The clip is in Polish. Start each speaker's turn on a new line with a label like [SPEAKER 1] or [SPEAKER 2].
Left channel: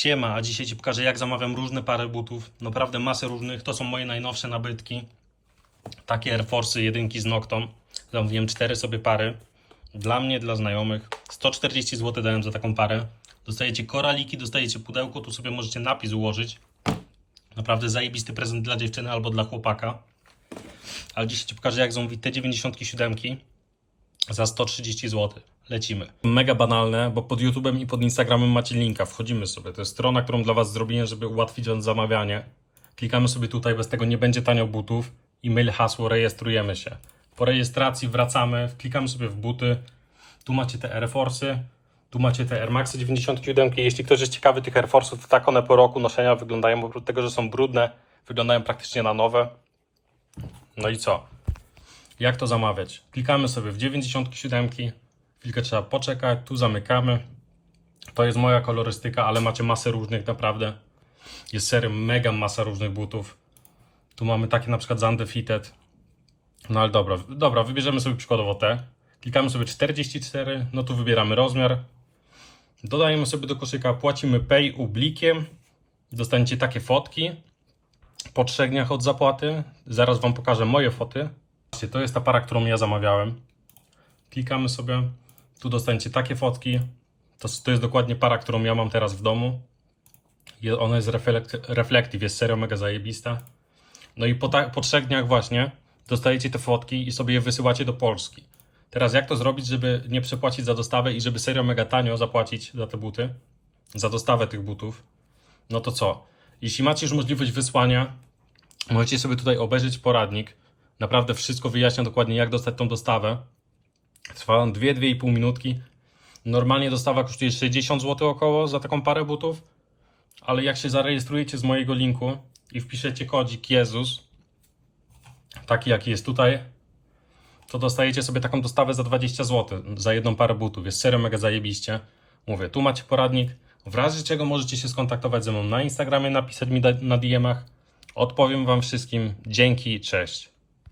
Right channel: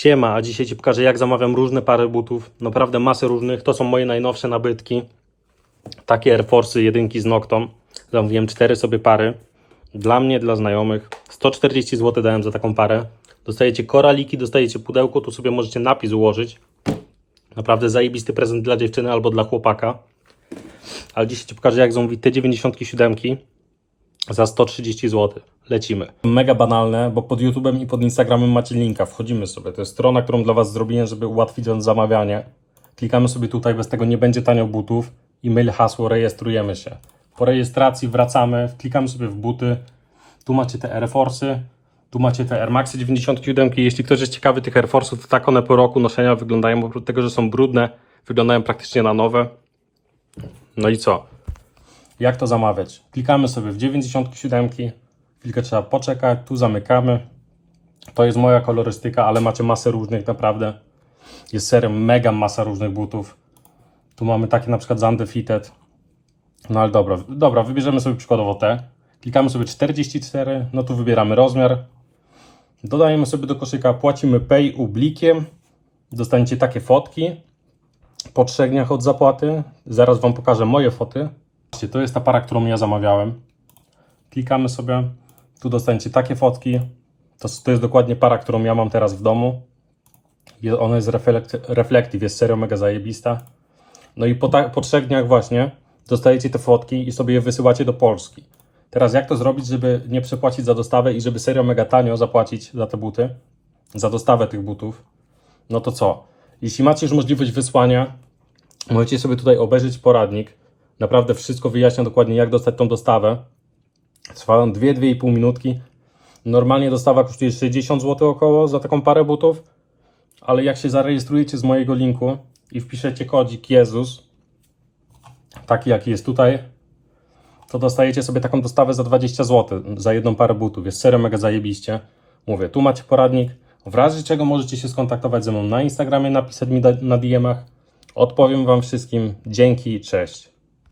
[SPEAKER 1] Siema, a dzisiaj Ci pokażę jak zamawiam różne pary butów. Naprawdę masę różnych. To są moje najnowsze nabytki. Takie Air Force'y jedynki z Nocton. Zamówiłem cztery sobie pary. Dla mnie, dla znajomych. 140 zł dałem za taką parę. Dostajecie koraliki, dostajecie pudełko. Tu sobie możecie napis ułożyć. Naprawdę zajebisty prezent dla dziewczyny albo dla chłopaka. Ale dzisiaj Ci pokażę jak zamówić te 97 za 130 zł. Lecimy. Mega banalne, bo pod YouTube'em i pod Instagramem macie linka. Wchodzimy sobie. To jest strona, którą dla Was zrobiłem, żeby ułatwić zamawianie. Klikamy sobie tutaj, bez tego nie będzie tanio butów. E-mail, hasło, rejestrujemy się. Po rejestracji wracamy, klikamy sobie w buty. Tu macie te Air Force'y, tu macie te Air Maxy 97. Jeśli ktoś jest ciekawy tych Air Force'ów, to tak one po roku noszenia wyglądają, oprócz tego, że są brudne, wyglądają praktycznie na nowe. No i co? Jak to zamawiać? Klikamy sobie w 97, chwilkę trzeba poczekać, tu zamykamy. To jest moja kolorystyka, ale macie masę różnych naprawdę. Jest serio mega masa różnych butów. Tu mamy takie na przykład z Undefeated. No ale dobra, dobra, wybierzemy sobie przykładowo te. Klikamy sobie 44, no tu wybieramy rozmiar. Dodajemy sobie do koszyka, płacimy pay ublikiem. Dostaniecie takie fotki po trzech dniach od zapłaty. Zaraz Wam pokażę moje foty. To jest ta para, którą ja zamawiałem. Klikamy sobie, tu dostaniecie takie fotki. To, to jest dokładnie para, którą ja mam teraz w domu. Ona jest reflekt, reflective, jest serio mega zajebista. No i po, ta, po trzech dniach właśnie dostajecie te fotki i sobie je wysyłacie do Polski. Teraz jak to zrobić, żeby nie przepłacić za dostawę i żeby serio mega tanio zapłacić za te buty? Za dostawę tych butów? No to co? Jeśli macie już możliwość wysłania, możecie sobie tutaj obejrzeć poradnik. Naprawdę wszystko wyjaśnia dokładnie, jak dostać tą dostawę. Trwa on 2-2,5 minutki. Normalnie dostawa kosztuje 60 zł około za taką parę butów, ale jak się zarejestrujecie z mojego linku i wpiszecie kodzik Jezus, taki jaki jest tutaj, to dostajecie sobie taką dostawę za 20 zł za jedną parę butów. Jest serio mega zajebiście. Mówię, tu macie poradnik. W razie czego możecie się skontaktować ze mną na Instagramie, napisać mi na DM-ach. Odpowiem Wam wszystkim. Dzięki, cześć.